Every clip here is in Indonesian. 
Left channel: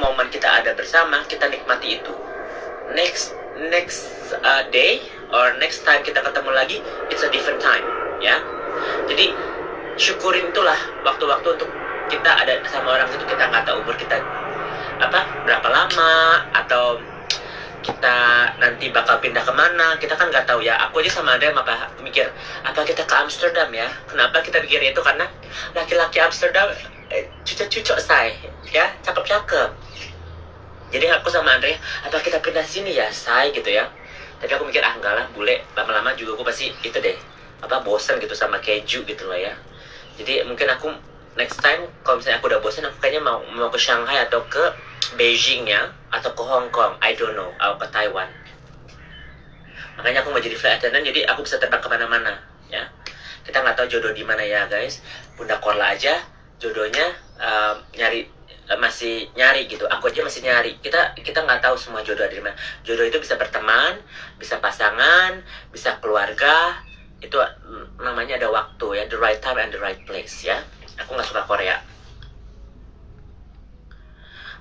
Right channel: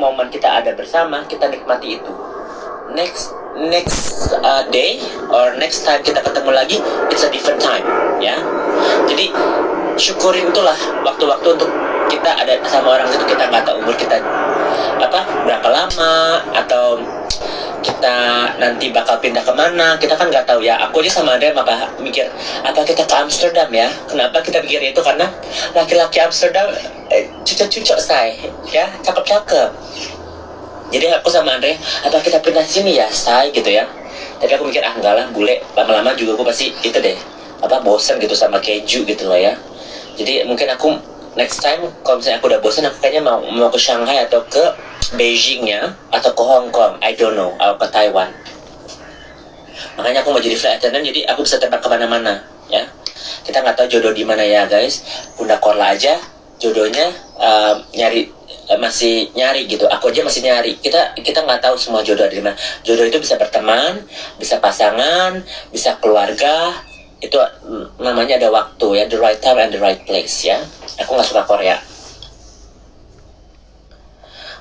momen kita ada bersama, kita nikmati itu. Next day or next time kita ketemu lagi, it's a different time, ya. Jadi syukurin itulah waktu-waktu untuk kita ada sama orang itu. Kita nggak tahu umur kita berapa lama, atau kita nanti bakal pindah kemana, kita kan nggak tahu ya. Aku aja sama Andre mikir apa kita ke Amsterdam ya. Kenapa kita pikir itu? Karena laki-laki Amsterdam cucok-cucok say, ya, cakep-cakep. Jadi aku sama Andre, apa kita pindah sini ya say gitu ya. Tapi aku mikir enggak lah, bule, lama-lama juga aku pasti itu deh, bosen gitu sama keju gitu lah ya. Jadi mungkin aku next time kalau misalnya aku udah bosan, aku kayaknya mau ke Shanghai atau ke Beijing ya, atau ke Hong Kong, I don't know, atau ke Taiwan. Makanya aku mau jadi flight attendant, jadi aku bisa terbang kemana-mana ya. Kita nggak tahu jodoh di mana ya guys. Bunda Korla aja jodohnya masih nyari gitu. Aku aja masih nyari. Kita nggak tahu semua jodoh ada di mana. Jodoh itu bisa berteman, bisa pasangan, bisa keluarga. Itu namanya ada waktu ya, the right time and the right place ya. Aku nggak suka Korea.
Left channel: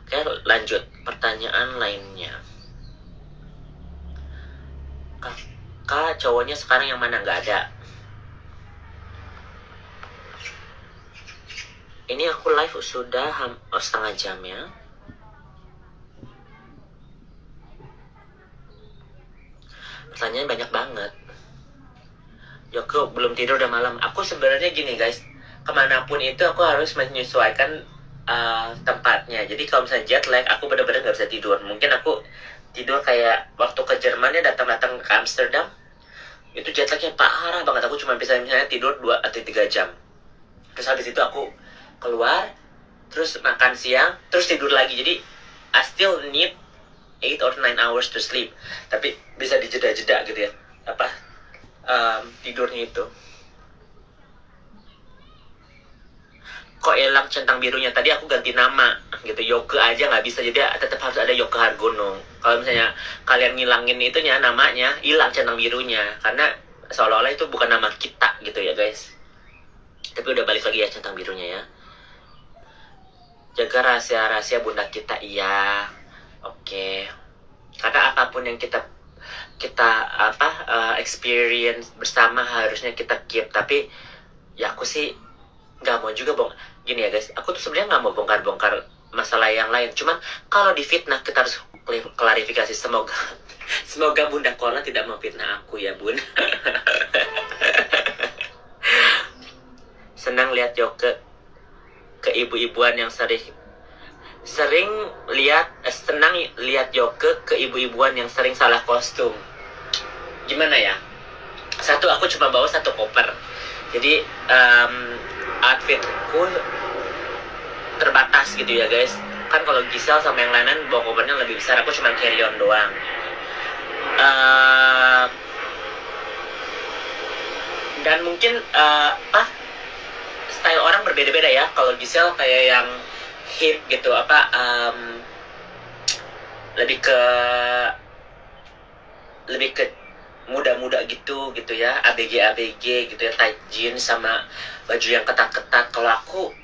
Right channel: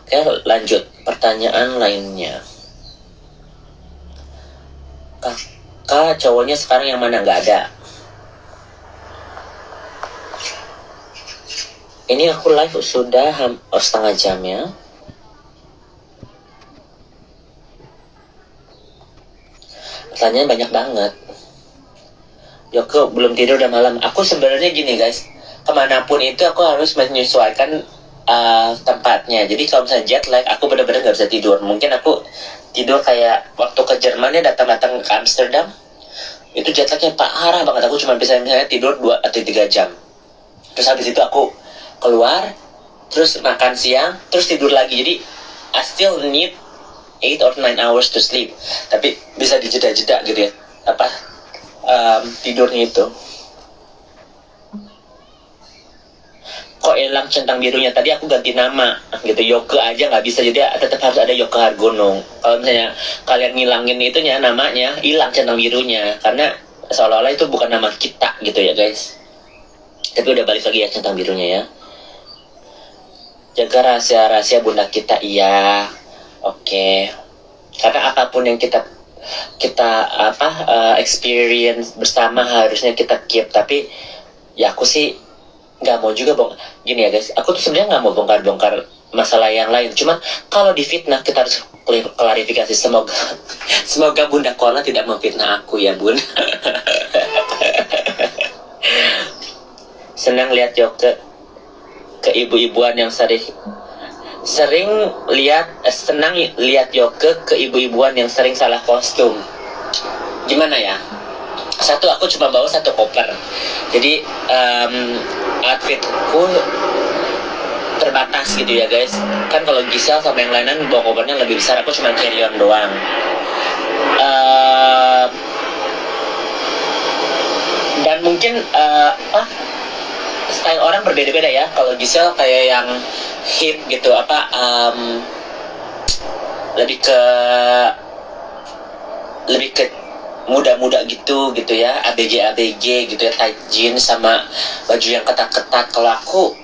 Oke, lanjut pertanyaan lainnya. Kakak cowoknya sekarang yang mana? Nggak ada. Ini aku live sudah setengah jam ya. Pertanyaan banyak banget. Joko belum tidur udah malam. Aku sebenarnya gini guys, kemanapun itu aku harus menyesuaikan tempatnya. Jadi kalau misalnya jet lag, aku benar-benar nggak bisa tidur. Mungkin aku tidur kayak waktu ke Jerman ya, datang ke Amsterdam, itu jet lagnya parah banget. Aku cuma bisa misalnya tidur 2 atau 3 jam. Terus habis itu aku keluar, terus makan siang, terus tidur lagi. Jadi I still need 8 or 9 hours to sleep. Tapi bisa dijeda-jeda gitu ya, tidurnya itu. Kok hilang centang birunya? Tadi aku ganti nama gitu, Yoke aja nggak bisa, jadi tetap harus ada Yoke Hargono. Kalau misalnya kalian ngilangin itunya, namanya hilang centang birunya, karena seolah-olah itu bukan nama kita gitu ya guys. Tapi udah balik lagi ya centang birunya ya. Jaga rahasia-rahasia bunda kita, iya. Oke. Karena apapun yang kita experience bersama harusnya kita keep. Tapi ya aku sih nggak mau juga gini ya guys, aku tuh sebenarnya nggak mau bongkar-bongkar masalah yang lain. Cuman kalau difitnah kita harus klarifikasi. Semoga Bunda Korla tidak memfitnah aku ya bun. Senang lihat Yoke ke ibu-ibuan yang senang lihat Yoke ke ibu-ibuan yang sering salah kostum. Gimana ya? Satu, aku cuma bawa 1 koper. Jadi outfitku terbatas gitu ya guys. Kan kalau Giselle sama yang lain bawa kopernya lebih besar, aku cuma carry on doang. Dan mungkin style orang berbeda-beda ya. Kalau Giselle kayak yang hip gitu, lebih ke muda-muda gitu ya, ABG gitu ya, tight jeans sama baju yang ketat-ketat. Kalau aku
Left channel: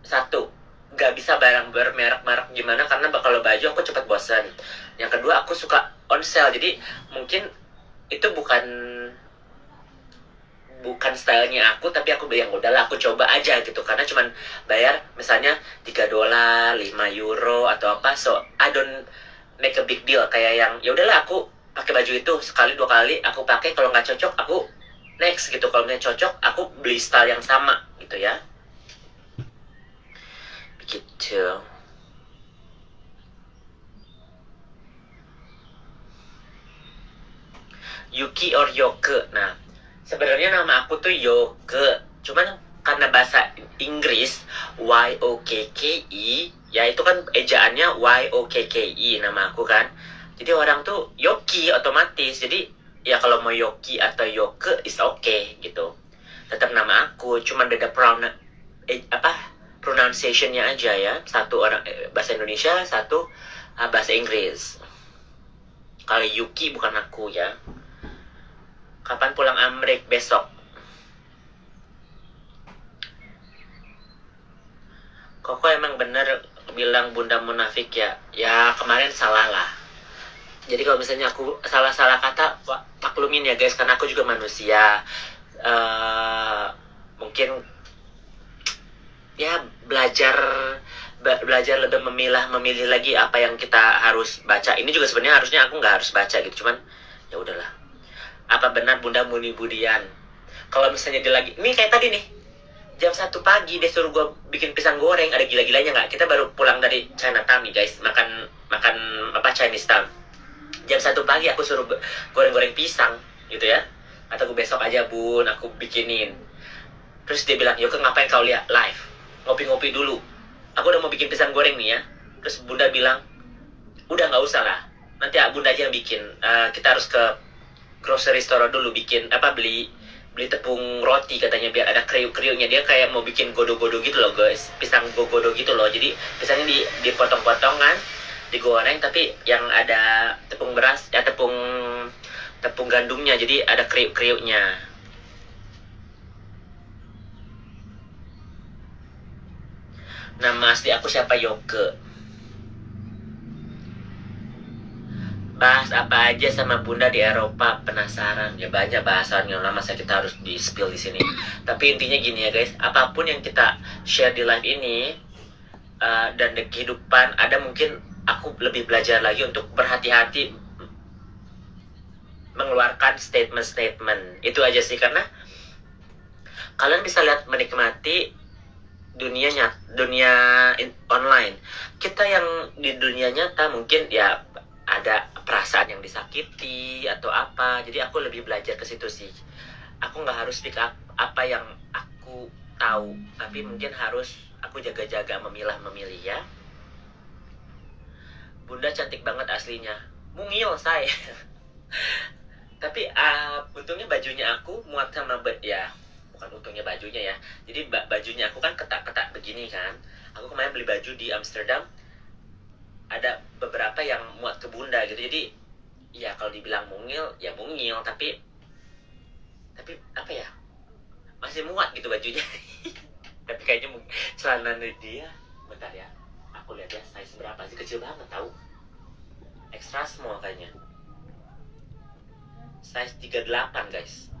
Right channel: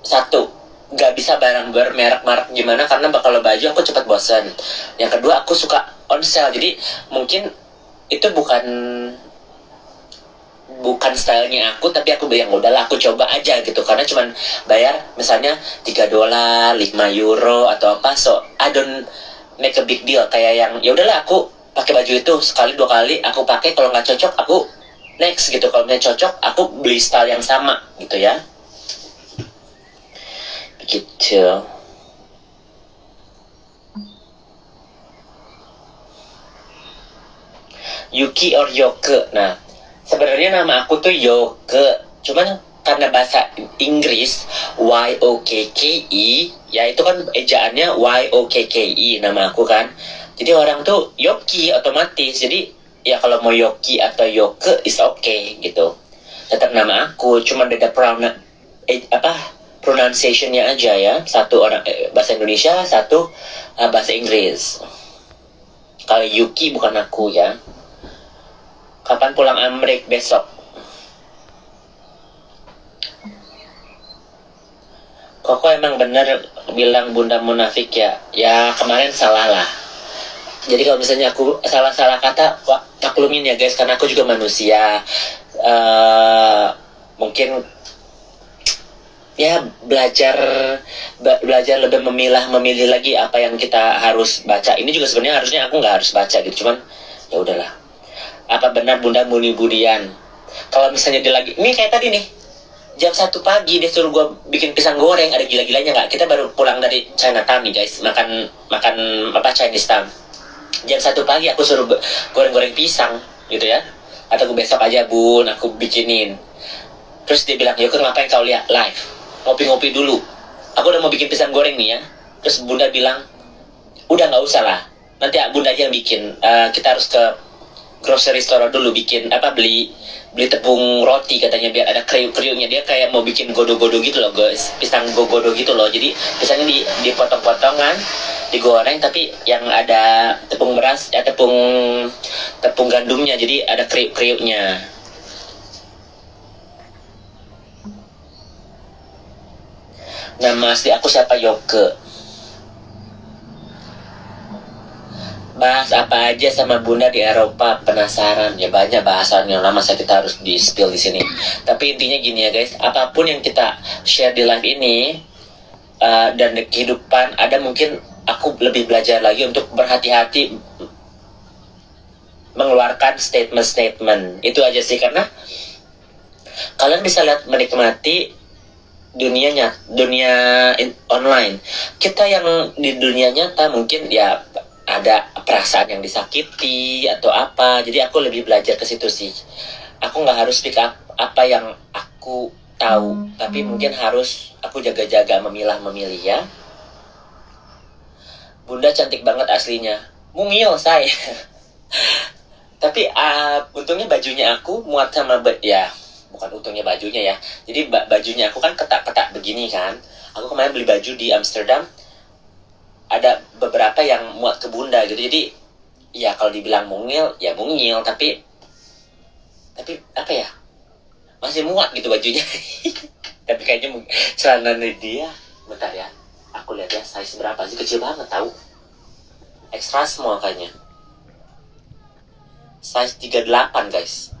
satu, nggak bisa barang bermerek-merek gimana, karena kalau baju aku cepat bosan. Yang kedua, aku suka on sale, jadi mungkin itu bukan stylenya aku, tapi aku yang udahlah aku coba aja gitu, karena cuman bayar misalnya $3, €5 atau apa, so I don't make a big deal. Kayak yang ya udahlah aku pakai baju itu sekali 2 kali aku pakai, kalau nggak cocok aku next gitu. Kalau misalnya cocok aku beli style yang sama gitu ya, begitu. Yuki or Yoke. Nah, sebenarnya nama aku tuh Yoke, cuman karena bahasa Inggris YOKKE, ya itu kan ejaannya YOKKE nama aku kan. Jadi orang tuh Yoki otomatis. Jadi ya kalau mau Yoki atau Yoke is okay gitu. Tetap nama aku, cuma beda pronunciation-nya aja ya. Satu orang bahasa Indonesia, satu bahasa Inggris. Kalau Yuki bukan aku ya. Kapan pulang Amerika? Besok. Koko emang bener bilang bunda munafik ya. Ya kemarin salah lah. Jadi kalau misalnya aku salah-salah kata, maklumin ya guys, karena aku juga manusia. Mungkin ya belajar lebih memilih lagi apa yang kita harus baca. Ini juga sebenarnya harusnya aku nggak harus baca gitu, cuman ya udahlah. Apa benar bunda Muni Budian? Kalau misalnya dia lagi, ini kayak tadi nih, jam 1 pagi dia suruh gue bikin pisang goreng, ada gila-gilanya nggak? Kita baru pulang dari Chinatown nih guys, makan makan apa Chinese Town. Jam 1 pagi aku suruh goreng-goreng pisang gitu ya, atau gue besok aja bun aku bikinin. Terus dia bilang, Yoke ngapain kau lihat live, ngopi-ngopi dulu, aku udah mau bikin pisang goreng nih ya. Terus bunda bilang, udah nggak usah lah, nanti bunda aja yang bikin. Kita harus ke grocery store dulu bikin apa, beli beli tepung roti katanya biar ada kriuk-kriuknya. Dia kayak mau bikin godo-godo gitu loh guys, pisang godo gitu loh. Jadi pisangnya dipotong-potongan, digoreng, tapi yang ada tepung beras ya, tepung tepung gandumnya, jadi ada kriuk-kriuknya. Nama asli aku siapa? Yoke. Bahas apa aja sama bunda di Eropa, penasaran ya. Banyak bahasan yang lama saya kita harus di spill di sini. Tapi intinya gini ya guys, apapun yang kita share di live ini dan di kehidupan, ada mungkin aku lebih belajar lagi untuk berhati-hati mengeluarkan statement-statement itu aja sih. Karena kalian bisa lihat, menikmati dunia online. Kita yang di dunia nyata mungkin ya ada perasaan yang disakiti atau apa. Jadi aku lebih belajar ke situ sih. Aku nggak harus speak up apa yang aku tahu, tapi mungkin harus aku jaga-jaga memilah-memilih ya. Bunda cantik banget aslinya. Mungil saya. Tapi untungnya bajunya aku muat sama ya, bukan untungnya bajunya ya. Jadi bajunya aku kan ketak-ketak begini kan. Aku kemarin beli baju di Amsterdam, ada beberapa yang muat ke bunda gitu. Jadi ya kalau dibilang mungil ya mungil, tapi apa ya, masih muat gitu bajunya. Tapi kayaknya celana dia, bentar ya, aku lihat ya size berapa sih, kecil banget tahu, extra small kayaknya, size 38 guys,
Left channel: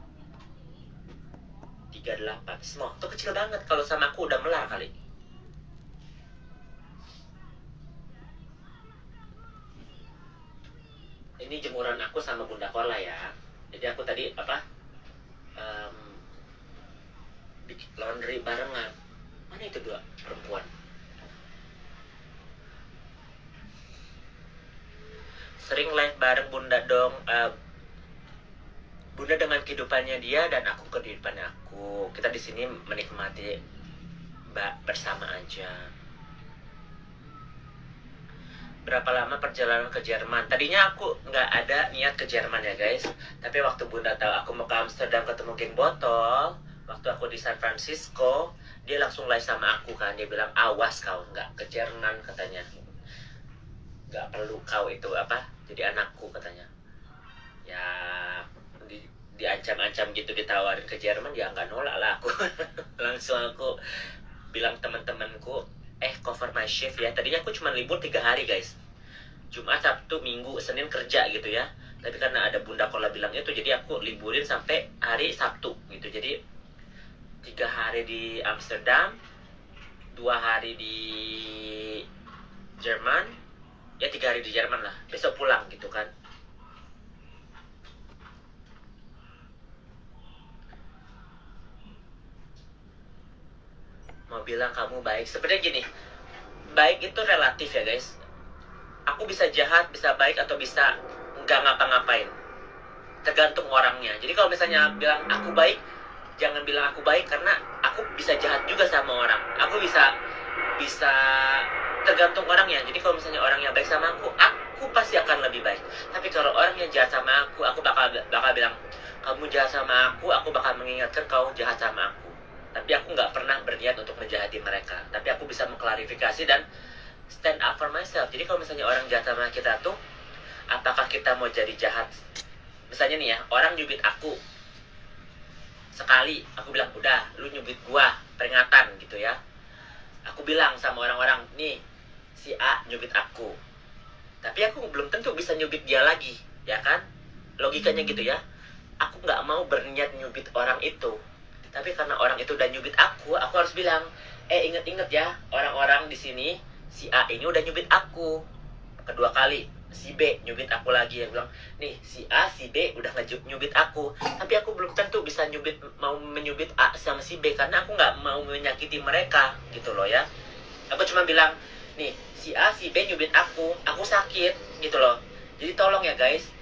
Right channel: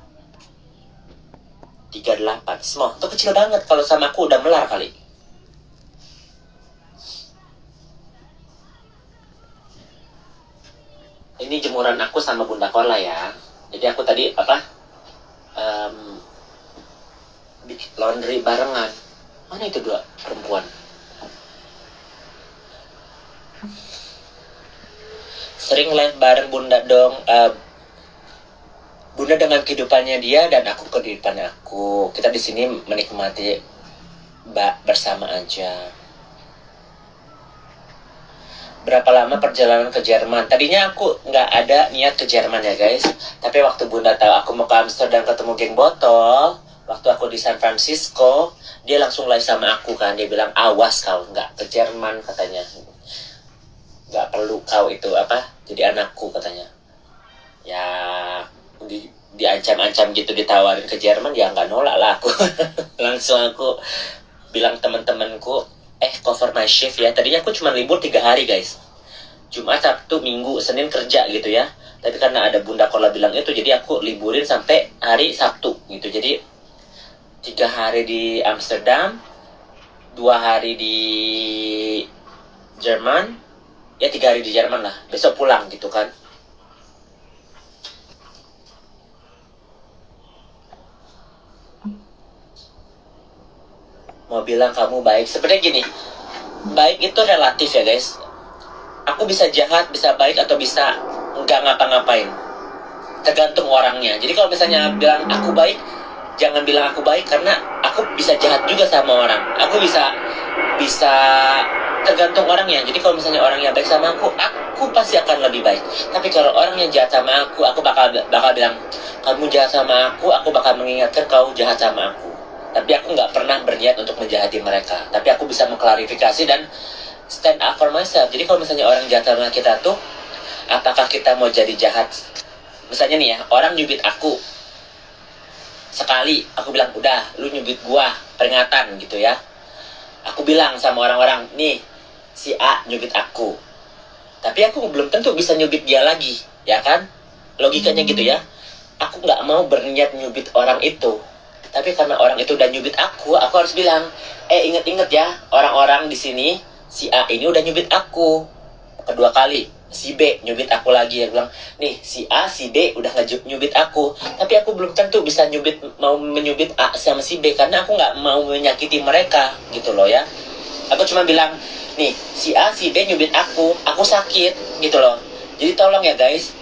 38 small tuh, kecil banget. Kalau sama aku udah melar kali. Ini jemuran aku sama bunda Korla ya. Jadi aku tadi apa, bikin laundry barengan. Mana itu dua perempuan? Sering live bareng bunda dong. Bunda dengan kehidupannya dia dan aku kehidupannya aku. Kita di sini menikmati bersama aja. Berapa lama perjalanan ke Jerman? Tadinya aku nggak ada niat ke Jerman ya guys. Tapi waktu bunda tahu aku mau ke Amsterdam ketemu geng botol, waktu aku di San Francisco, dia langsung live sama aku kan. Dia bilang, awas kau nggak ke Jerman katanya. Nggak perlu kau itu apa, jadi anakku katanya. Ya diancam-ancam gitu, ditawarin ke Jerman, ya nggak nolak lah aku. Langsung aku bilang teman-temanku, cover my shift ya. Tadinya aku cuma libur 3 hari guys, Jumat, Sabtu, Minggu, Senin kerja gitu ya. Tapi karena ada bunda Kola bilang itu, jadi aku liburin sampai hari Sabtu gitu. Jadi 3 hari di Amsterdam, 2 hari di Jerman, ya 3 hari di Jerman lah, besok pulang gitu kan. Mau bilang kamu baik, sebenarnya gini, baik itu relatif ya guys. Aku bisa jahat, bisa baik, atau bisa nggak ngapa-ngapain, tergantung orangnya. Jadi kalau misalnya bilang aku baik, jangan bilang aku baik, karena aku bisa jahat juga sama orang. Aku bisa tergantung orangnya. Jadi kalau misalnya orang yang baik sama aku pasti akan lebih baik. Tapi kalau orang yang jahat sama aku bakal bilang kamu jahat sama aku bakal mengingatkan kau jahat sama aku. Tapi aku nggak pernah berniat untuk menjahati mereka. Tapi aku bisa mengklarifikasi dan stand up for myself. Jadi kalau misalnya orang jahat sama kita tuh, apakah kita mau jadi jahat? Misalnya nih ya, orang nyubit aku sekali, aku bilang udah, lu nyubit gua, peringatan gitu ya. Aku bilang sama orang-orang, nih si A nyubit aku, tapi aku belum tentu bisa nyubit dia lagi, ya kan? Logikanya gitu ya. Aku nggak mau berniat nyubit orang itu, tapi karena orang itu udah nyubit aku harus bilang, inget-inget ya, orang-orang di sini, si A ini udah nyubit aku kedua kali, si B nyubit aku lagi. Dia bilang, nih si A, si B udah nyubit aku, tapi aku belum tentu bisa mau menyubit A sama si B karena aku nggak mau menyakiti mereka gitu loh ya. Aku cuma bilang, nih si A, si B nyubit aku sakit gitu loh. Jadi tolong ya guys,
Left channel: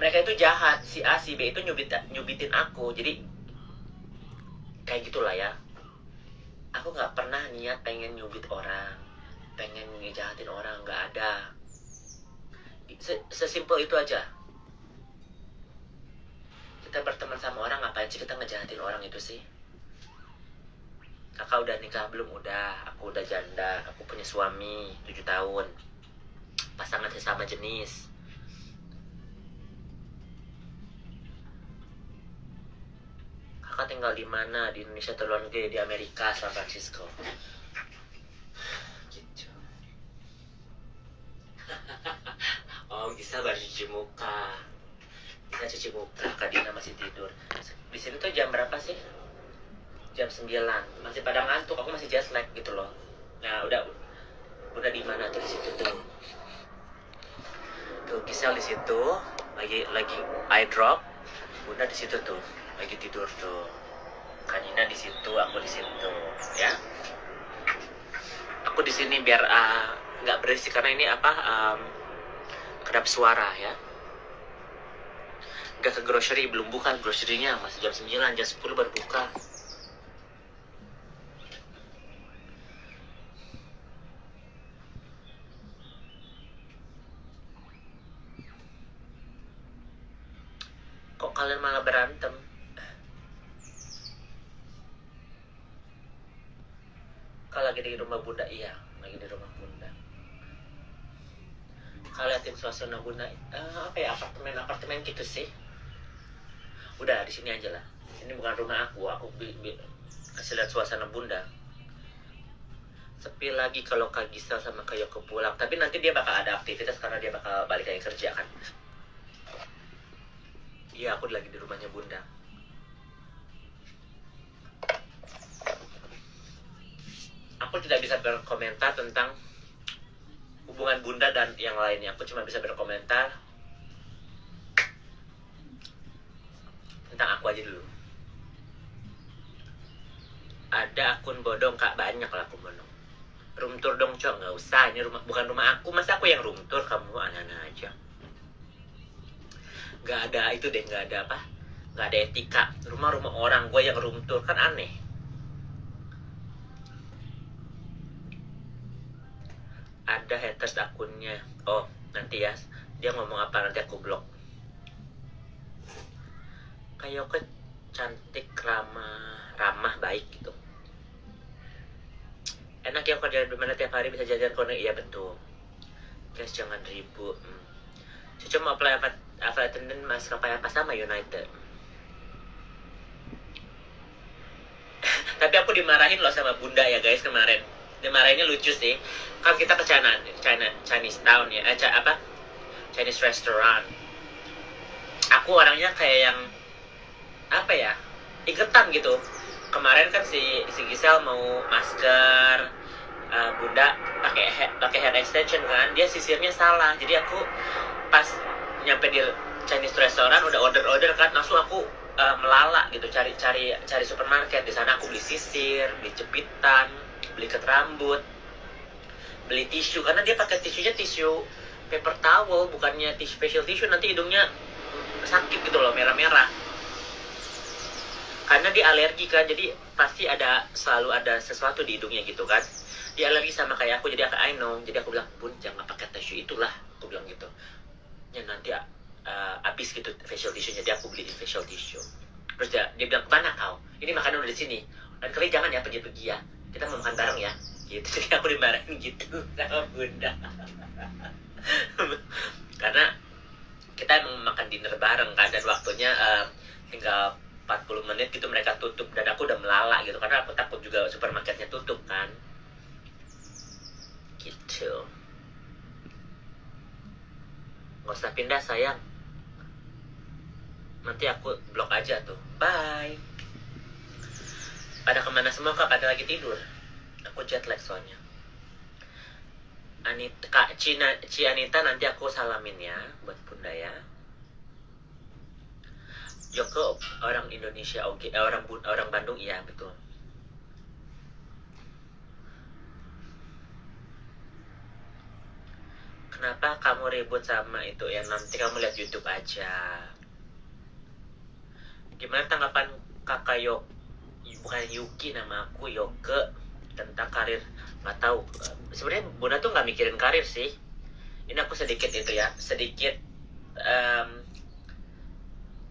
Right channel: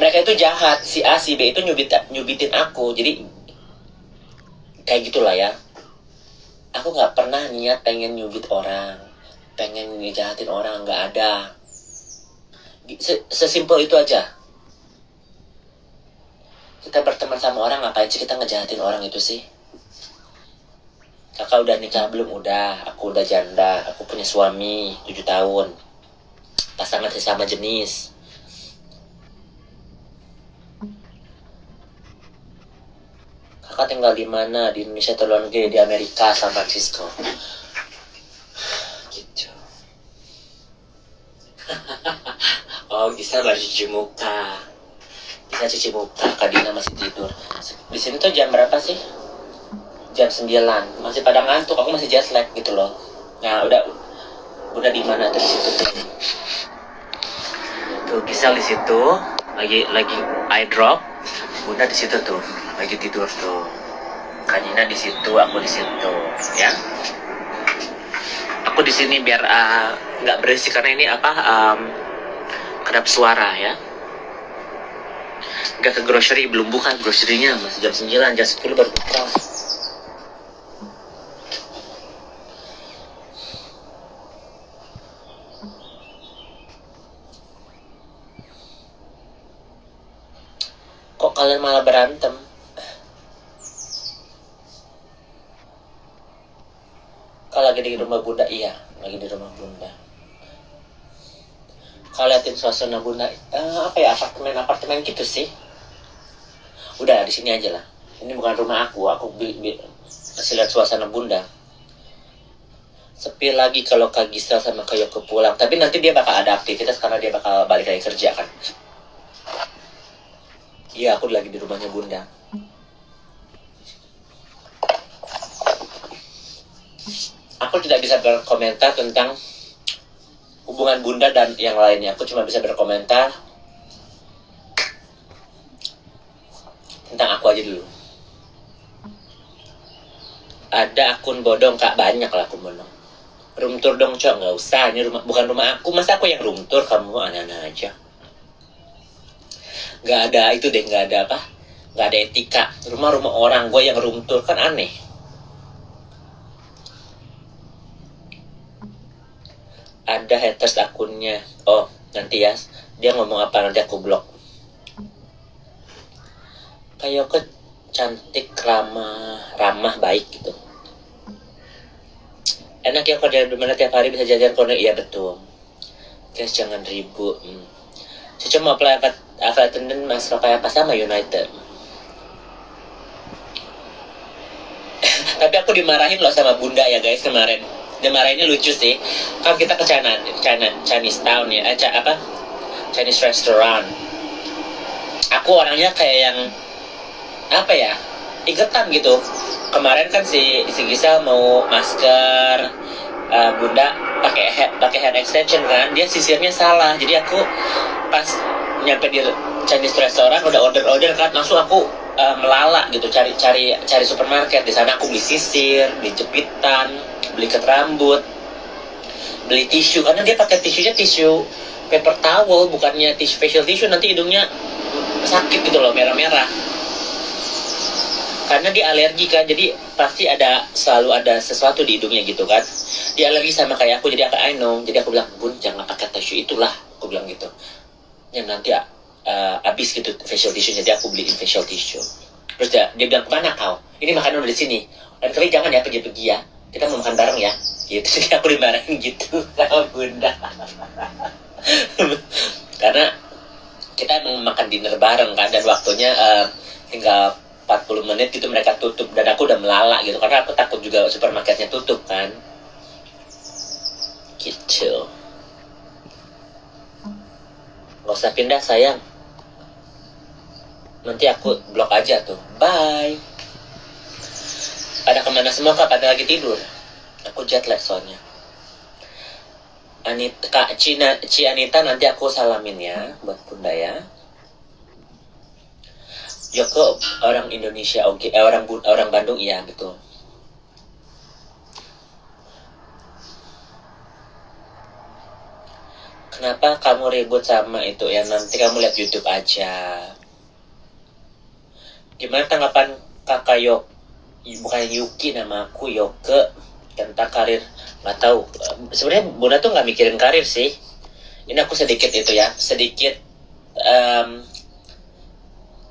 mereka itu jahat, si A, si B itu nyubitin aku. Jadi kayak gitulah ya. Aku nggak pernah niat pengen nyubit orang, pengen ngejahatin orang, nggak ada. Sesimpel itu aja. Kita berteman sama orang, ngapain sih kita ngejahatin orang itu sih? Kakak udah nikah belum? Udah. Aku udah janda, aku punya suami 7 tahun, pasangan sesama jenis. Kakak tinggal di mana? Di Indonesia atau luar negeri? Di Amerika, San Francisco. Gitu. Oh, bisa baru cuci muka. Bisa cuci muka. Kak Dina masih tidur. Di sini tuh jam berapa sih? Jam 9. Masih pada ngantuk. Aku masih jet lag gitu loh. Nah, udah di mana tuh di situ tuh? Tuh Gisel di situ. Lagi eye drop. Bunda di situ tuh. Lagi tidur tuh. Kanina di situ, aku di situ, ya. Aku di sini biar nggak berisik karena ini kedap suara ya. Nggak ke grocery, belum buka grocery-nya, masih jam 9, jam 10 baru buka. Kok kalian malah berantem? Kalau lagi di rumah Bunda, iya, lagi di rumah Bunda. Kalau liatin suasana Bunda, apa ya, apartemen gitu sih. Udah di sini aja lah. Ini bukan rumah aku kasih lihat suasana Bunda. Sepi lagi kalau Kak Gisel sama Kak Yoko pulang. Tapi nanti dia bakal ada aktivitas karena dia bakal balik lagi kerja kan. Iya, aku lagi di rumahnya Bunda. Aku tidak bisa berkomentar tentang hubungan Bunda dan yang lainnya. Aku cuma bisa berkomentar tentang aku aja dulu. Ada akun bodong Kak, banyak lah akun bodong. Room tour dong Cok, nggak usah. Ini bukan rumah aku, masa aku yang room tour, kamu aneh-aneh aja. Nggak ada itu deh, nggak ada apa? Nggak ada etika. Rumah orang, gue yang room tour kan aneh. Ada haters akunnya. Oh, nanti ya. Dia ngomong apa nanti aku blok. Kayak cantik, ramah, baik gitu. Enak ya kalau di mana tiap hari bisa jajan konek. Iya betul. Guys jangan ribut. Saya cuma apply attendant maskapai apa sama United. Tapi aku dimarahin loh sama Bunda ya guys kemarin. Dimarahinnya lucu sih. Kan kita ke Chinese Town ya, Chinese restaurant. Aku orangnya kayak yang apa ya, iketan gitu. Kemarin kan si Gisel mau masker, Bunda pakai hair extension kan, dia sisirnya salah. Jadi aku pas nyampe di Chinese restaurant udah order kan, langsung aku melala gitu cari supermarket. Di sana aku beli sisir, beli jepitan, beli ikat rambut, beli tisu karena dia pakai tisunya tisu paper towel bukannya facial tissue, nanti hidungnya sakit gitu loh, merah-merah karena dia alergi kan. Jadi pasti selalu ada sesuatu di hidungnya gitu kan. Dia alergi sama kayak aku, jadi I know. Jadi aku bilang, Bun jangan pakai tisu itulah, aku bilang gitu ya, nanti habis gitu facial tissue. Jadi aku beliin facial tissue. Terus dia bilang, kemana kau? Ini makanan udah di sini. Dan kali jangan ya pergi-pergi ya. Kita mau makan bareng ya. Gitu. Jadi aku dimarahin gitu sama Bunda. Karena kita emang makan dinner bareng kan. Dan waktunya tinggal 40 menit gitu mereka tutup, dan aku udah melala gitu karena aku takut juga supermarketnya tutup kan gitu. Gak usah pindah sayang, nanti aku blok aja tuh. Bye. Pada kemana semua kak? Pada lagi tidur. Aku jet lag soalnya. Kak Ci Anita nanti aku salamin ya buat Bunda ya. Yoko orang Indonesia, oke. Orang Bandung, iya betul. Kenapa kamu ribut sama itu ya? Nanti kamu lihat YouTube aja. Gimana tanggapan kakak bukan Yuki, nama aku Yoke, tentang karir? Nggak tahu. Sebenarnya Bunda tuh nggak mikirin karir sih. Ini aku sedikit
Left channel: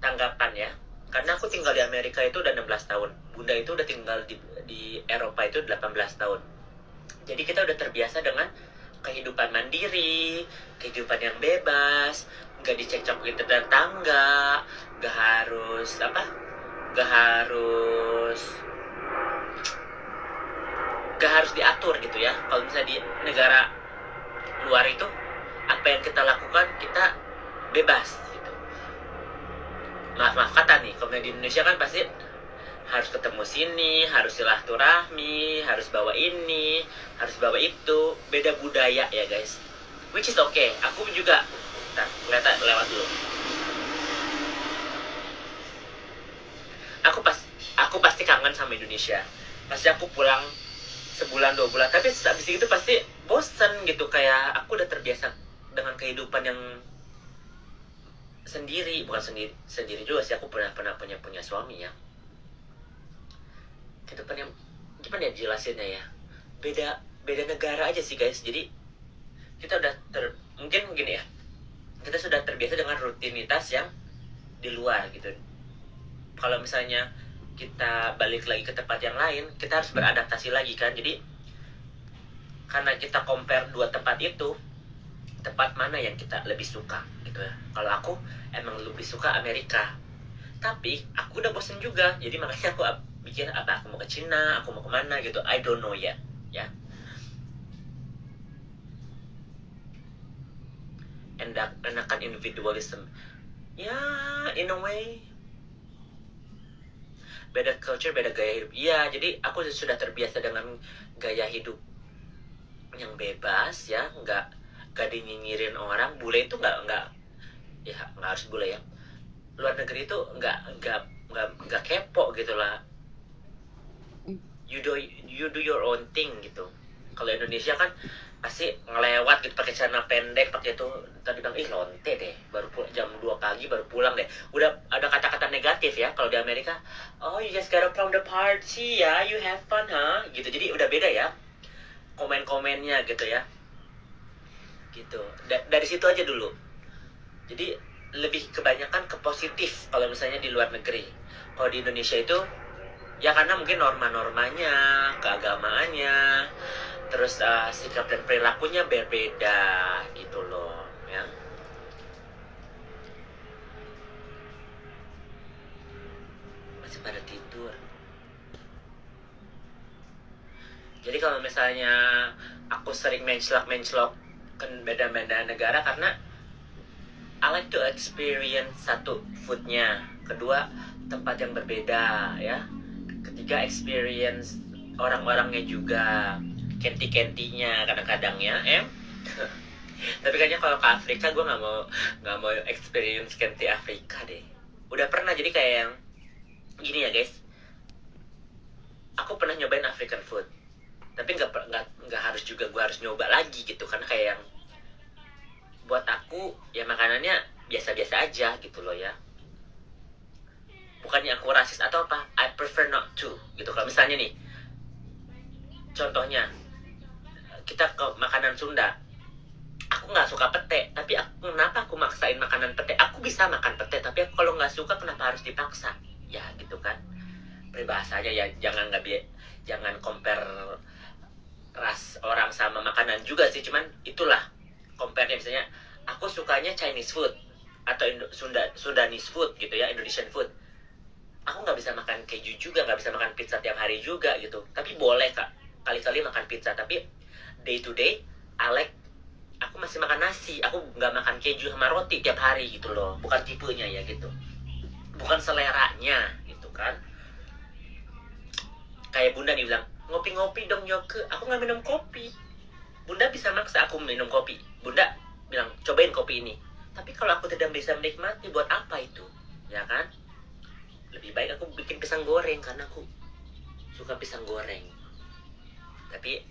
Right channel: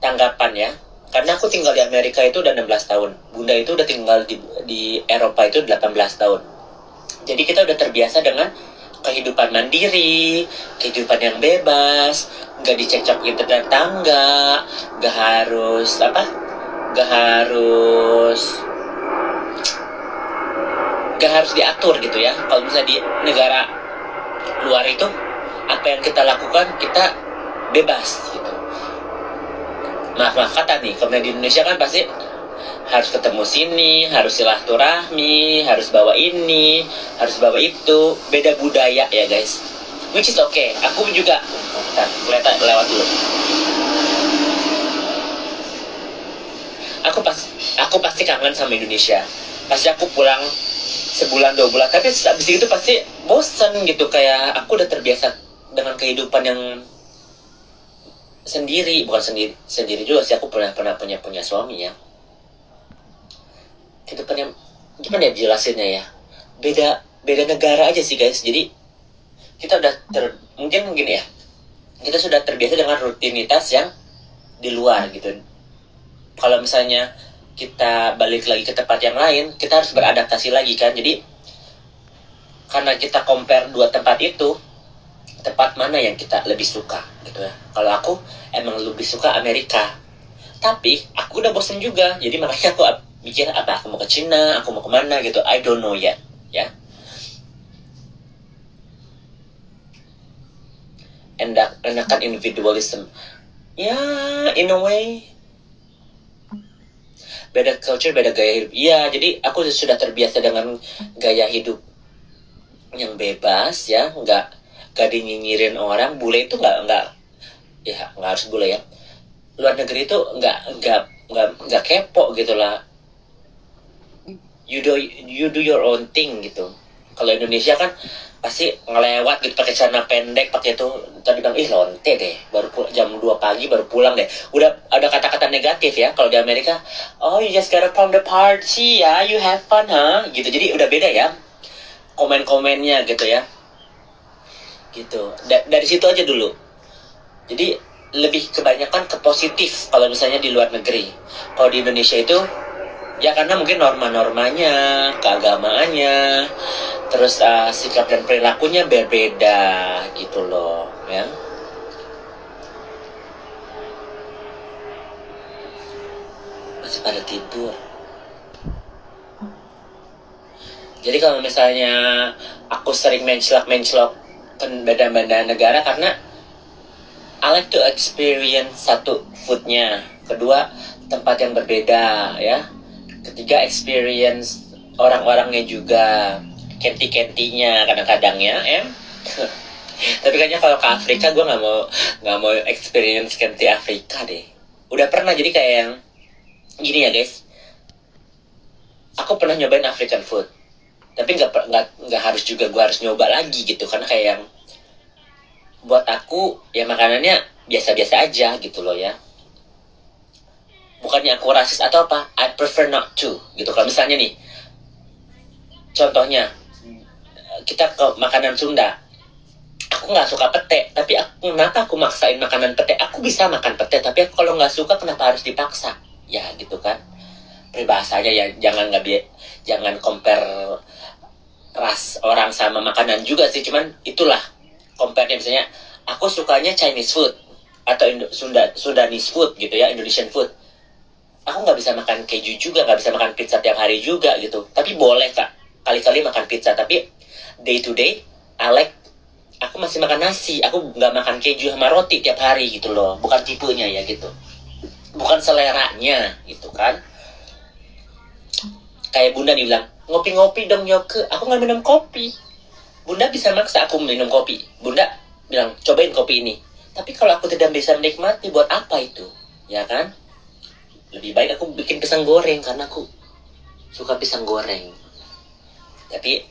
tanggapan ya. Karena aku tinggal di Amerika itu udah 16 tahun. Bunda itu udah tinggal di Eropa itu 18 tahun. Jadi kita udah terbiasa dengan kehidupan mandiri, kehidupan yang bebas, nggak dicekcokin tetangga, nggak harus diatur gitu ya. Kalau misalnya di negara luar itu apa yang kita lakukan kita bebas gitu. Maaf kata nih, kalau di Indonesia kan pasti harus ketemu sini, harus silaturahmi, harus bawa ini, harus bawa itu. Beda budaya ya guys, which is okay. Aku juga kelihatan lewat dulu. Aku pasti kangen sama Indonesia. Pasti aku pulang sebulan 2 bulan, tapi habis itu pasti bosan gitu. Kayak aku udah terbiasa dengan kehidupan yang bukan sendiri juga sih. Aku pernah punya suami ya. Kehidupan yang gimana ya jelasinnya ya, beda negara aja sih guys. Jadi kita udah mungkin gini ya, kita sudah terbiasa dengan rutinitas yang di luar gitu. Kalau misalnya kita balik lagi ke tempat yang lain, kita harus beradaptasi lagi kan. Jadi karena kita compare dua tempat itu, tempat mana yang kita lebih suka gitu ya. Kalau aku emang lebih suka Amerika, tapi aku udah bosen juga. Jadi makanya aku mikir apa aku mau ke Cina, aku mau kemana gitu. I don't know yet ya. Enakan individualism ya, in a way. Beda culture, beda gaya hidup. Iya, jadi aku sudah terbiasa dengan gaya hidup yang bebas ya, nggak dinyinyirin orang. Bule itu nggak harus bule ya. Luar negeri itu nggak kepo gitu lah. You do your own thing gitu. Kalau Indonesia kan pasti ngelewat gitu pakai celana pendek, pakai itu tadi bilang lonte deh, baru jam 2 pagi baru pulang deh. Udah ada kata-kata negatif ya. Kalau di Amerika, oh you just gotta from the party ya, you have fun gitu. Jadi udah beda ya komen-komennya gitu ya. Gitu. Dari situ aja dulu. Jadi lebih kebanyakan ke positif kalau misalnya di luar negeri. Kalau di Indonesia itu ya karena mungkin norma-normanya, keagamaannya, terus sikap dan perilakunya berbeda gitu loh ya. Masih pada tidur. Jadi kalau misalnya aku sering mencelok kan beda-beda negara, karena I like to experience satu foodnya, kedua tempat yang berbeda ya, ketiga experience orang-orangnya juga, kenti-kentinya kadang-kadang ya tapi kayaknya kalau ke Afrika gue nggak mau experience kenti Afrika deh. Udah pernah, jadi kayak yang gini ya guys, aku pernah nyobain African food, tapi nggak harus juga gue harus nyoba lagi gitu, karena kayak yang buat aku ya makanannya biasa-biasa aja gitu loh ya. Bukannya aku rasis atau apa, I prefer not to gitu. Kalau misalnya nih contohnya kita ke makanan Sunda, aku nggak suka pete, tapi kenapa aku maksain makanan pete? Aku bisa makan pete, tapi aku kalau nggak suka kenapa harus dipaksa ya gitu kan. Peribahasanya ya jangan compare ras orang sama makanan juga sih, cuman itulah compare-nya. Misalnya aku sukanya Chinese food atau Sundanese food gitu ya, Indonesian food. aku nggak bisa makan keju juga, nggak bisa makan pizza tiap hari juga gitu. Tapi boleh kak, kali-kali makan pizza. Tapi day to day, I like, aku masih makan nasi. Aku nggak makan keju sama roti tiap hari gitu loh. Bukan tipenya ya gitu. Bukan seleranya gitu kan. Kayak bunda nih bilang, ngopi-ngopi dong Yoke. Aku nggak minum kopi. Bunda bisa maksa aku minum kopi. Bunda bilang, cobain kopi ini. Tapi kalau aku tidak bisa menikmati, buat apa itu? Ya kan? Lebih baik aku bikin pisang goreng, karena aku suka pisang goreng. Tapi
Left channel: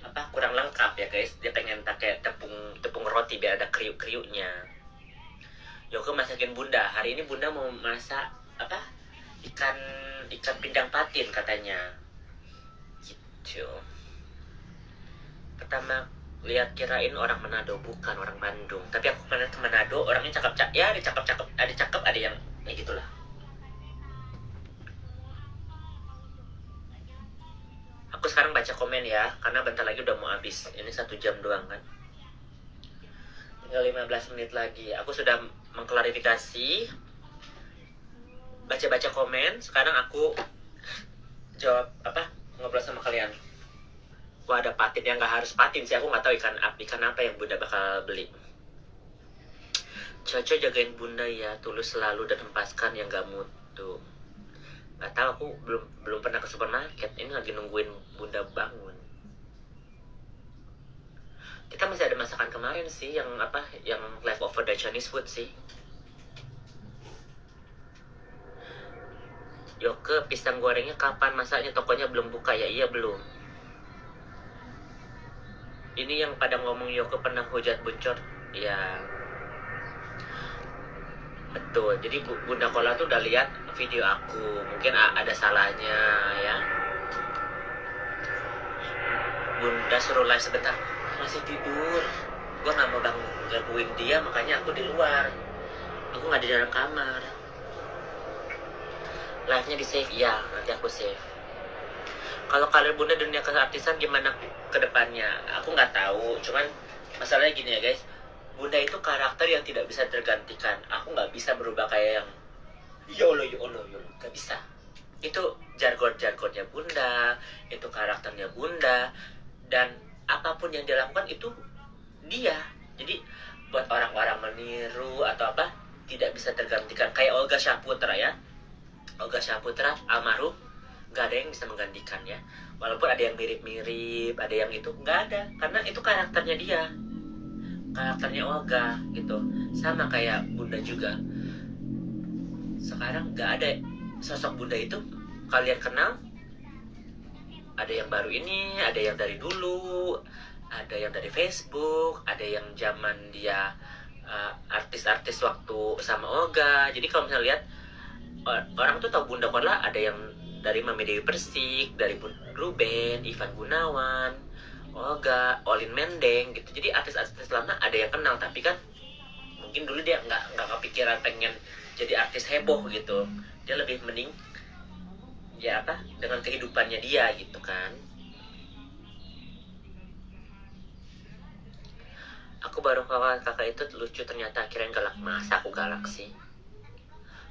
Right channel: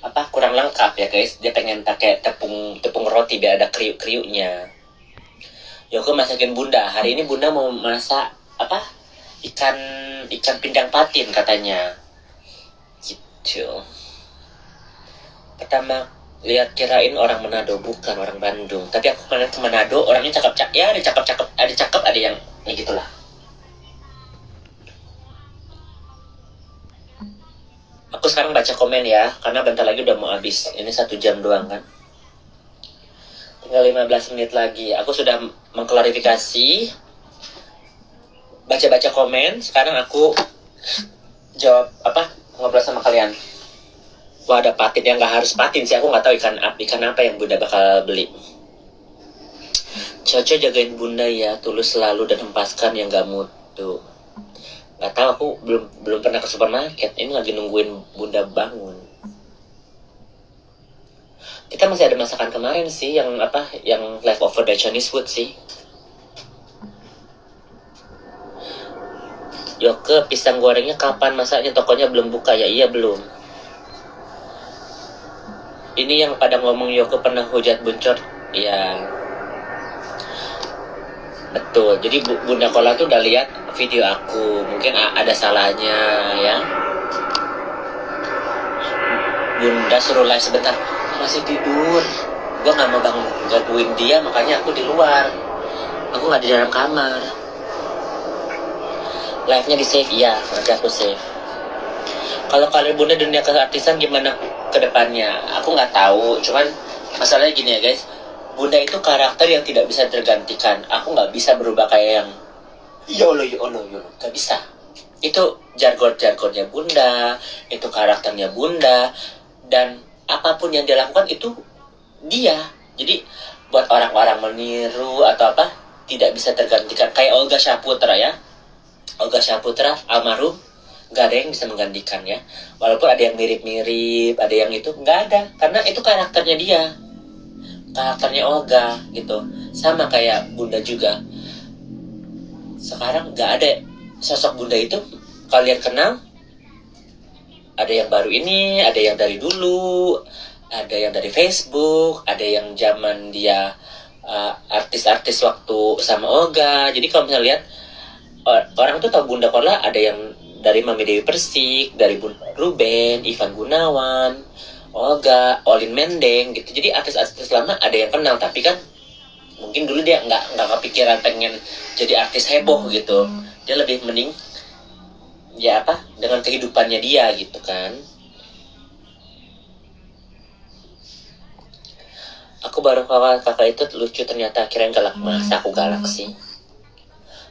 apa, kurang lengkap ya guys. Dia pengen pakai tepung roti biar ada kriuk-kriuknya. Yoke masakin bunda. Hari ini bunda mau masak apa? Ikan pindang patin katanya. Gitu. Pertama lihat kirain orang Manado, bukan orang Bandung. Tapi aku kemarin ke Manado, orangnya cakep-cakep. Ya ada cakep-cakep, ada cakep, ada yang ya gitulah. Aku sekarang baca komen ya, karena bentar lagi udah mau habis. Ini 1 jam doang kan. Tinggal 15 menit lagi. Aku sudah mengklarifikasi, baca-baca komen. Sekarang aku jawab apa, ngobrol sama kalian. Wah, ada patin yang nggak harus patin sih. Aku nggak tahu ikan apa yang bunda bakal beli. Coco jagain bunda ya, tulus selalu dan hempaskan yang nggak mutu. Nggak tahu, aku belum pernah ke supermarket. Ini lagi nungguin bunda bangun. Kita masih ada masakan kemarin sih, yang apa, yang leftover dari Chinese food sih. Yoke, pisang gorengnya kapan masaknya? Tokonya belum buka ya? Iya belum. Ini yang pada ngomong Yoke pernah hujat buncor. Ya betul. Jadi Bunda Kola tuh udah lihat video aku. Mungkin ada salahnya ya. Bunda suruh live sebentar. Masih tidur. Gue gak mau gangguin dia, makanya aku di luar. Aku gak di dalam kamar. Live-nya di save, ya. Nanti aku save. Kalau kalian Bunda dunia keartisan gimana ke depannya? Aku nggak tahu. Cuman masalahnya gini ya guys. Bunda itu karakter yang tidak bisa tergantikan. Aku nggak bisa berubah kayak yang yolo. Nggak bisa. Itu jargon-jargonnya Bunda. Itu karakternya Bunda. Dan apapun yang dia lakukan itu dia. Jadi buat orang-orang meniru atau apa, tidak bisa tergantikan. Kayak Olga Syahputra ya. Olga Syahputra almarhum, nggak ada yang bisa menggantikannya. Walaupun ada yang mirip-mirip, ada yang itu, nggak ada. Karena itu karakternya dia. Karakternya Olga gitu. Sama kayak Bunda juga. Sekarang nggak ada sosok Bunda itu. Kalian kenal? Ada yang baru ini, ada yang dari dulu, ada yang dari Facebook, ada yang zaman dia artis-artis waktu sama Olga. Jadi kalau misalnya lihat, orang tuh tahu Bunda Kola ada yang dari Mami Dewi Persik, dari Ruben, Ivan Gunawan, Olga, Olin Mendeng gitu. Jadi artis-artis lama ada yang kenal, tapi kan mungkin dulu dia nggak kepikiran pengen jadi artis heboh gitu. Dia lebih mending ya apa, dengan kehidupannya dia gitu kan. Aku baru kakak itu lucu, ternyata kirain galak. Masa aku galak sih?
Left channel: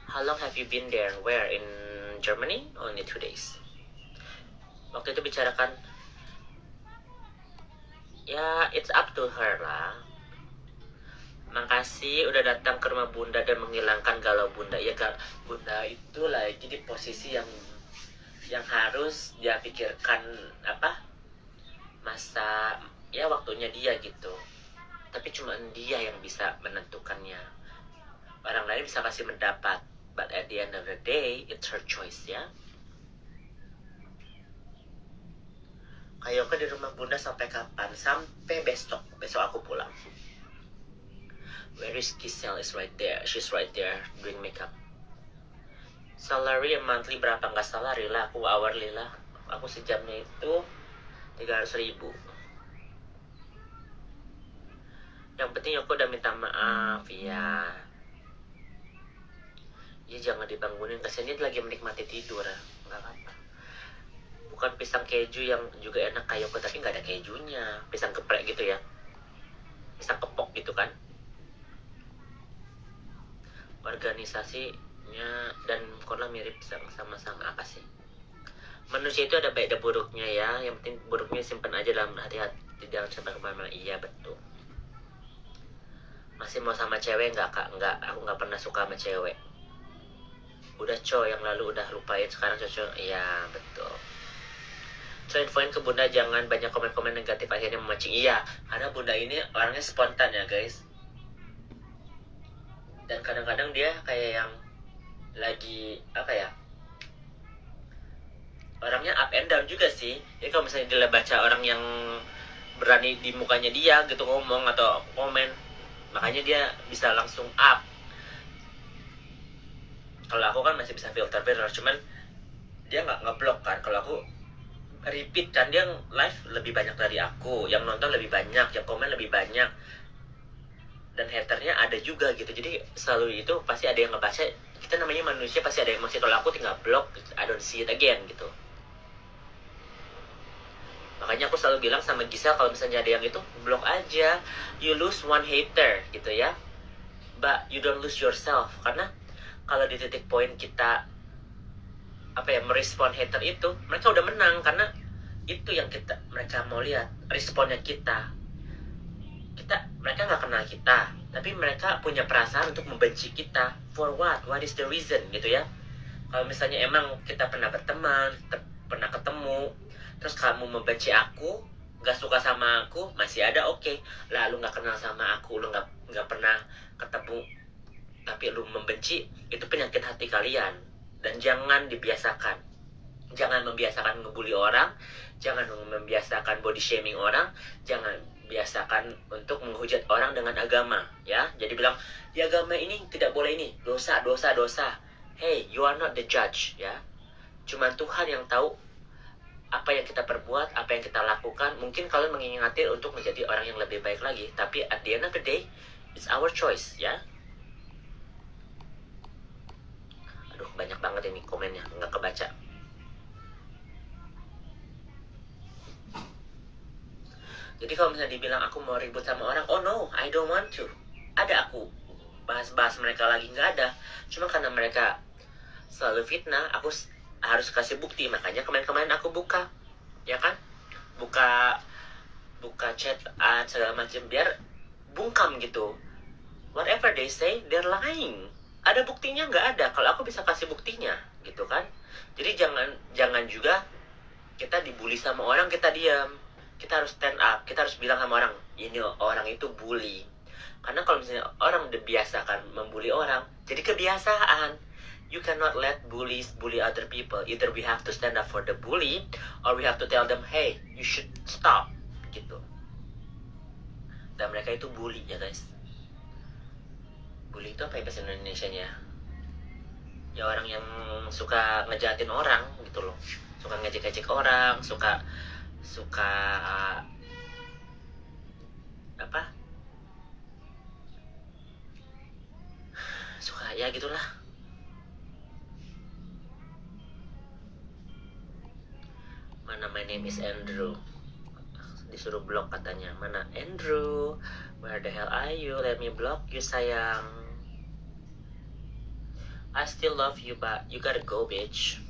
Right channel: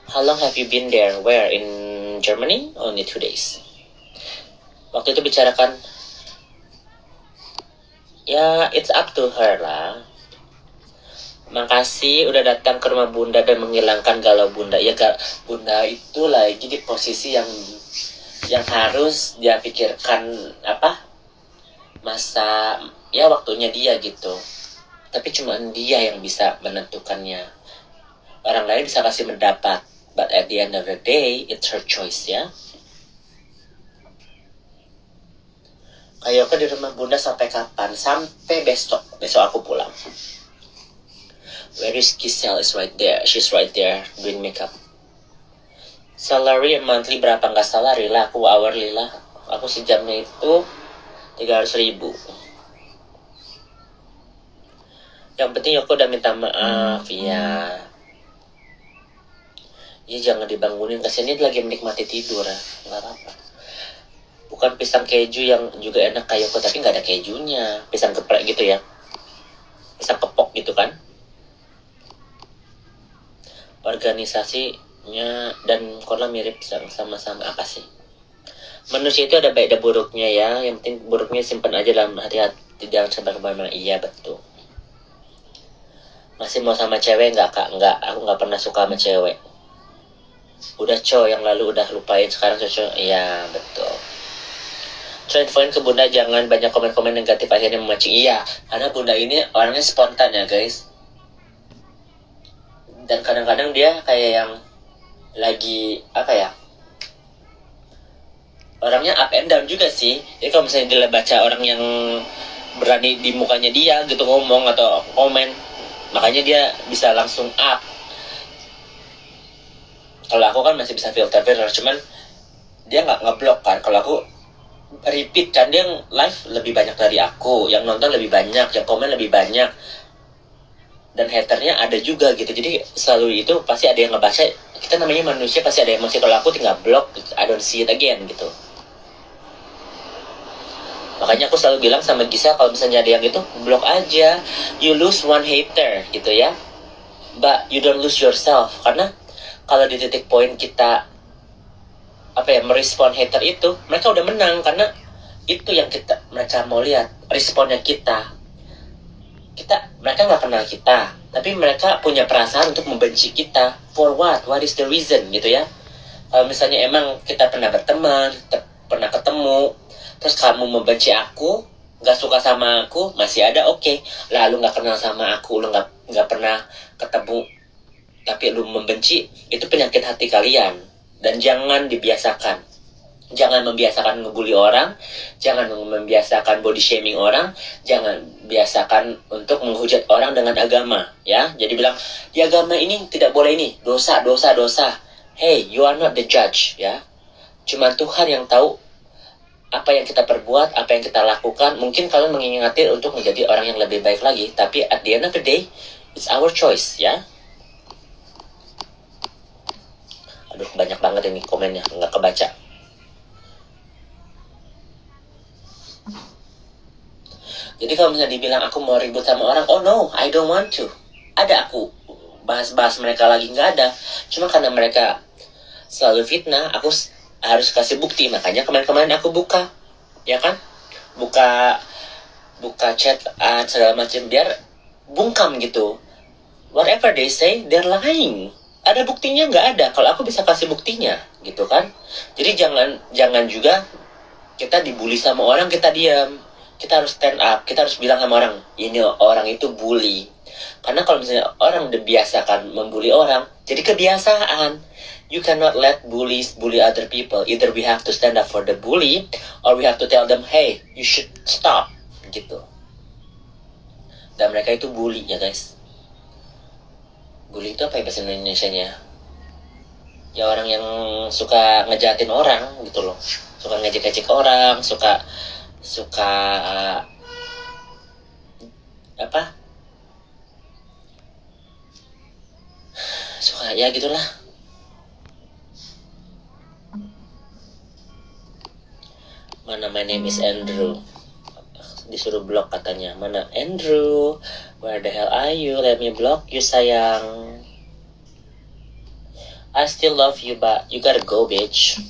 How long have you been there? Where? In Germany? Only 2 days. Waktu itu bicarakan, ya it's up to her lah. Makasih udah datang ke rumah Bunda dan menghilangkan galau Bunda. Ya Bunda itu lagi di posisi yang harus dia pikirkan apa, masa ya waktunya dia gitu. Tapi cuma dia yang bisa menentukannya. Orang lain bisa kasih mendapat. But at the end of the day, it's her choice ya. Kayoke di rumah Bunda sampai kapan? Sampai besok. Besok aku pulang. Where is Giselle? Is right there. She's right there doing makeup. Salary monthly berapa? Nggak salary lah. Aku hourly lah. Aku sejamnya itu 300.000. Yang penting aku udah minta maaf ya. Ya jangan dibangunin, kasihan dia lagi menikmati tidur ya. Nggak apa-apa. Bukan pisang keju yang juga enak kayak aku, tapi nggak ada kejunya. Pisang geprek gitu ya. Pisang kepok gitu kan. Organisasi buruknya, dan koala mirip sama-sama apa sih? Manusia itu ada baik dan buruknya ya. Yang penting buruknya simpan aja dalam hati-hati, jangan sampai kemana-mana. Iya betul. Masih mau sama cewek nggak kak? Nggak, aku nggak pernah suka sama cewek. Udah yang lalu udah lupain, sekarang cocok. Iya betul. So infoin ke bunda jangan banyak komen-komen negatif akhirnya memancing. Iya, karena bunda ini orangnya spontan ya guys. Dan kadang-kadang dia kayak yang lagi apa ya, orangnya up and down juga sih. Jadi kalau misalnya dia baca orang yang berani di mukanya dia gitu ngomong atau komen, makanya dia bisa langsung up. Kalau aku kan masih bisa filter, cuman dia nggak ngeblok kan. Kalau aku repeat kan, dia live lebih banyak dari aku, yang nonton lebih banyak, yang komen lebih banyak, dan haternya ada juga gitu. Jadi selalu itu pasti ada yang ngebaca. Kita namanya manusia, pasti ada emosi. Kalau aku tinggal blok, I don't see it again gitu. Makanya aku selalu bilang sama Gisel, kalau misalnya ada yang itu, blok aja. You lose one hater gitu ya, but you don't lose yourself. Karena kalau di titik poin kita apa ya, merespon hater itu, mereka udah menang. Karena itu yang mereka mau lihat, responnya kita. Mereka nggak kenal kita, tapi mereka punya perasaan untuk membenci kita. For what is the reason gitu ya. Kalau misalnya emang kita pernah berteman, pernah ketemu, terus kamu membenci aku, nggak suka sama aku, masih ada oke. Lalu nggak kenal sama aku, lu nggak pernah ketemu, tapi lu membenci, itu penyakit hati kalian. Dan jangan dibiasakan. Jangan membiasakan ngebully orang, jangan membiasakan body shaming orang, jangan biasakan untuk menghujat orang dengan agama ya. Jadi bilang di agama ini tidak boleh ini, dosa. Hey, you are not the judge ya. Cuma Tuhan yang tahu apa yang kita perbuat, apa yang kita lakukan. Mungkin kalian mengingatkan untuk menjadi orang yang lebih baik lagi, tapi at the end of the day, it's our choice ya. Aduh, banyak banget ini komennya, nggak kebaca. Jadi kalau misalnya dibilang aku mau ribut sama orang, oh no, I don't want to. Ada aku bahas-bahas mereka lagi, nggak ada. Cuma karena mereka selalu fitnah, aku harus kasih bukti. Makanya kemarin-kemarin aku buka, ya kan? Buka chat segala macam, biar bungkam gitu. Whatever they say, they're lying. Ada buktinya nggak ada? Kalau aku bisa kasih buktinya, gitu kan? Jadi jangan juga kita dibully sama orang kita diam. Kita harus stand up, kita harus bilang sama orang, ini orang itu bully. Karena kalau misalnya orang dibiasakan membuli orang, jadi kebiasaan. You cannot let bullies bully other people. Either we have to stand up for the bully, or we have to tell them, hey, you should stop, gitu. Dan mereka itu bully ya guys. Bully itu apa ya bahasa Indonesianya? Ya orang yang suka ngejahatin orang gitu loh. Suka ngejek-ngejek orang, suka apa, suka ya gitulah. Mana my name is Andrew, disuruh blok katanya. Mana Andrew, where the hell are you? Let me block you sayang. I still love you but you gotta go bitch.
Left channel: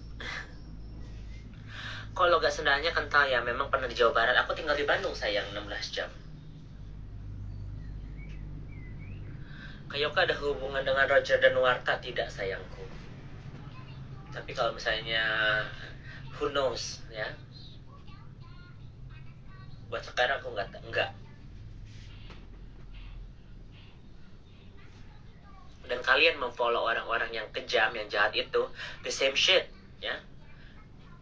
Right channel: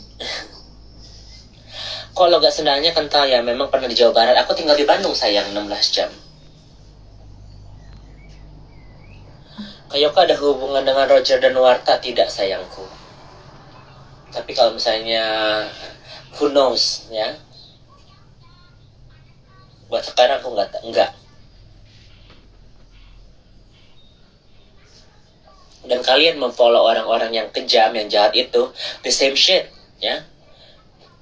Kalau gak sendalnya kental ya, memang pernah di Jawa Barat. Aku tinggal di Bandung sayang, 16 jam. Kayoka ada hubungan dengan Roger dan Warta? Tidak sayangku. Tapi kalau misalnya, who knows ya. Buat sekarang aku enggak. Dan kalian memfollow orang-orang yang kejam, yang jahat itu, the same shit ya.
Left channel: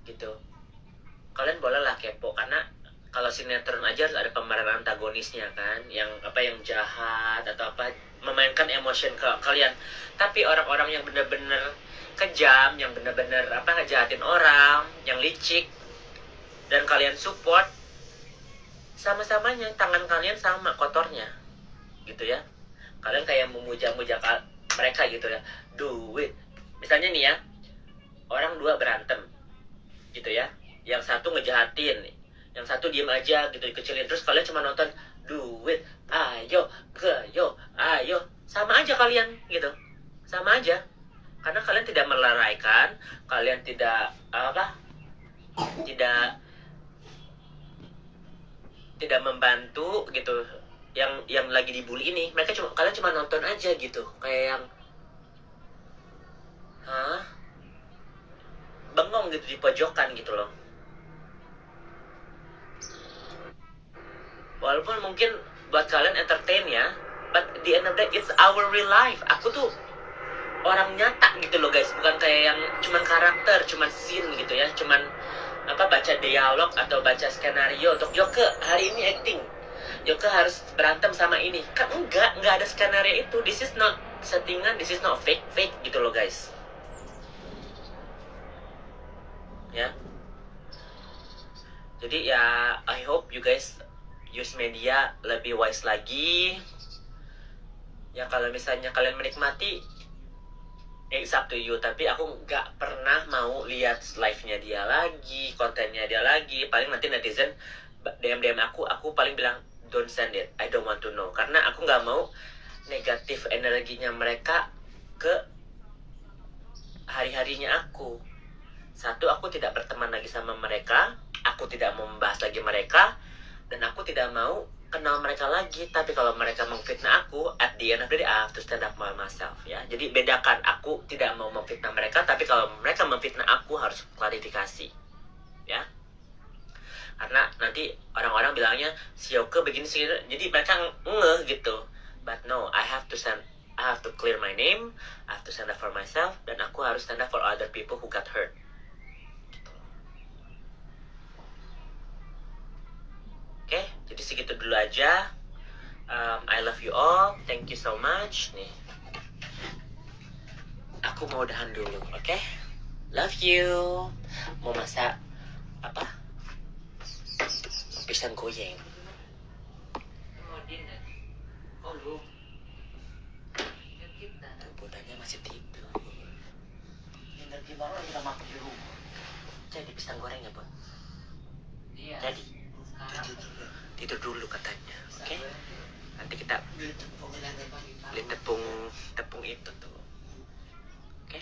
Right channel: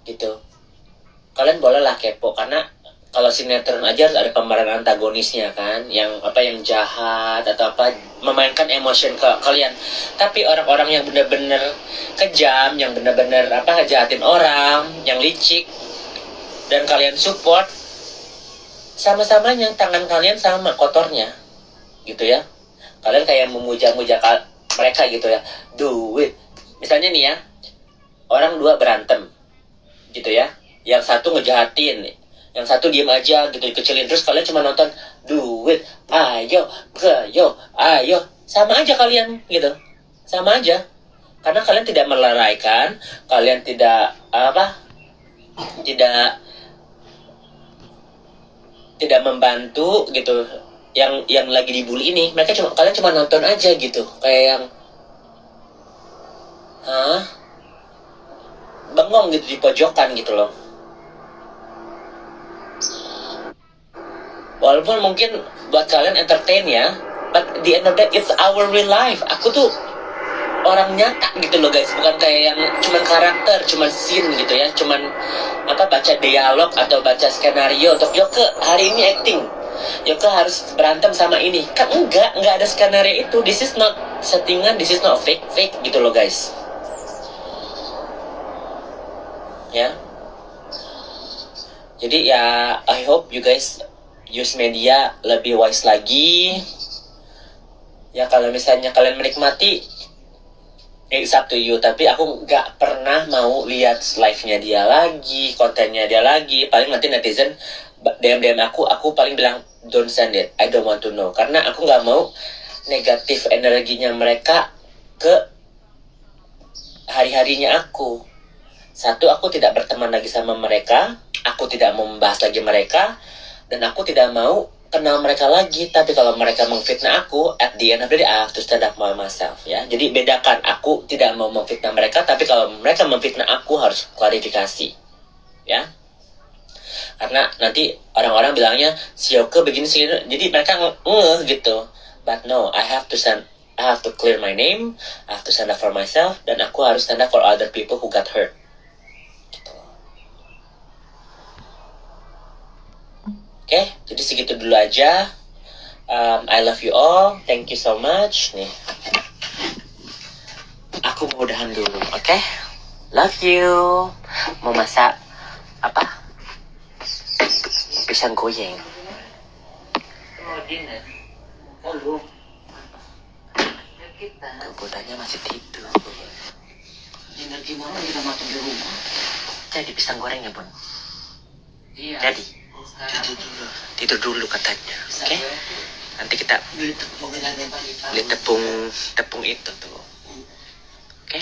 Gitu. Kalian bolehlah kepo, karena kalau sinetron aja harus ada pemeran antagonisnya kan, yang jahat atau apa, memainkan emotion ke kalian. Tapi orang-orang yang benar-benar kejam, yang benar-benar ngejahatin orang, yang licik, dan kalian support, sama-samanya tangan kalian sama kotornya, gitu ya. Kalian kayak memuja-muja mereka gitu ya, do it. Misalnya nih ya, orang dua berantem, gitu ya. Yang satu ngejahatin, yang satu diem aja gitu, dikecilin. Terus kalian cuma nonton, do it, ayo, sama aja kalian gitu. Sama aja. Karena kalian tidak melalaikan, kalian tidak tidak tidak membantu gitu yang lagi dibully ini. Kalian cuma nonton aja gitu, kayak yang bengong gitu di pojokan gitu loh. Walaupun mungkin buat kalian entertain ya, but the end of the day it's our real life. Aku tuh orang nyata gitu loh guys, bukan kayak yang cuman karakter, cuman scene gitu ya, cuman baca dialog atau baca skenario untuk Yoke hari ini acting, Yoke harus berantem sama ini. Kan enggak ada skenario itu. This is not settingan, this is not fake gitu loh guys. Ya. Jadi ya I hope you guys use media lebih wise lagi. Ya kalau misalnya kalian menikmati, it's up to you. Tapi aku nggak pernah mau lihat live-nya dia lagi, kontennya dia lagi. Paling nanti netizen DM aku paling bilang don't send it, I don't want to know. Karena aku nggak mau negatif energinya mereka ke hari-harinya aku. Satu, aku tidak berteman lagi sama mereka, aku tidak mau membahas lagi mereka, dan aku tidak mau kenal mereka lagi. Tapi kalau mereka mengfitnah aku, at the end of the day I have to stand up for myself ya. Jadi bedakan, aku tidak mau memfitnah mereka, tapi kalau mereka memfitnah aku harus klarifikasi ya. Karena nanti orang-orang bilangnya si Yoke begini sih, jadi mereka ngeh gitu. But no, I have to clear my name, I have to stand up for myself, dan aku harus stand up for other people who got hurt. Oke, jadi segitu dulu aja. I love you all. Thank you so much. Nih, aku mau udahan dulu, oke? Love you. Mau masak apa? Pisang goreng. Oh, dinner. Belum. Budanya masih tidur. Dinner gimana kita makan di rumah? Jadi pisang goreng ya, Bun? Iya. Jadi tidur dulu katanya, oke? Nanti kita beli tepung itu tuh, oke?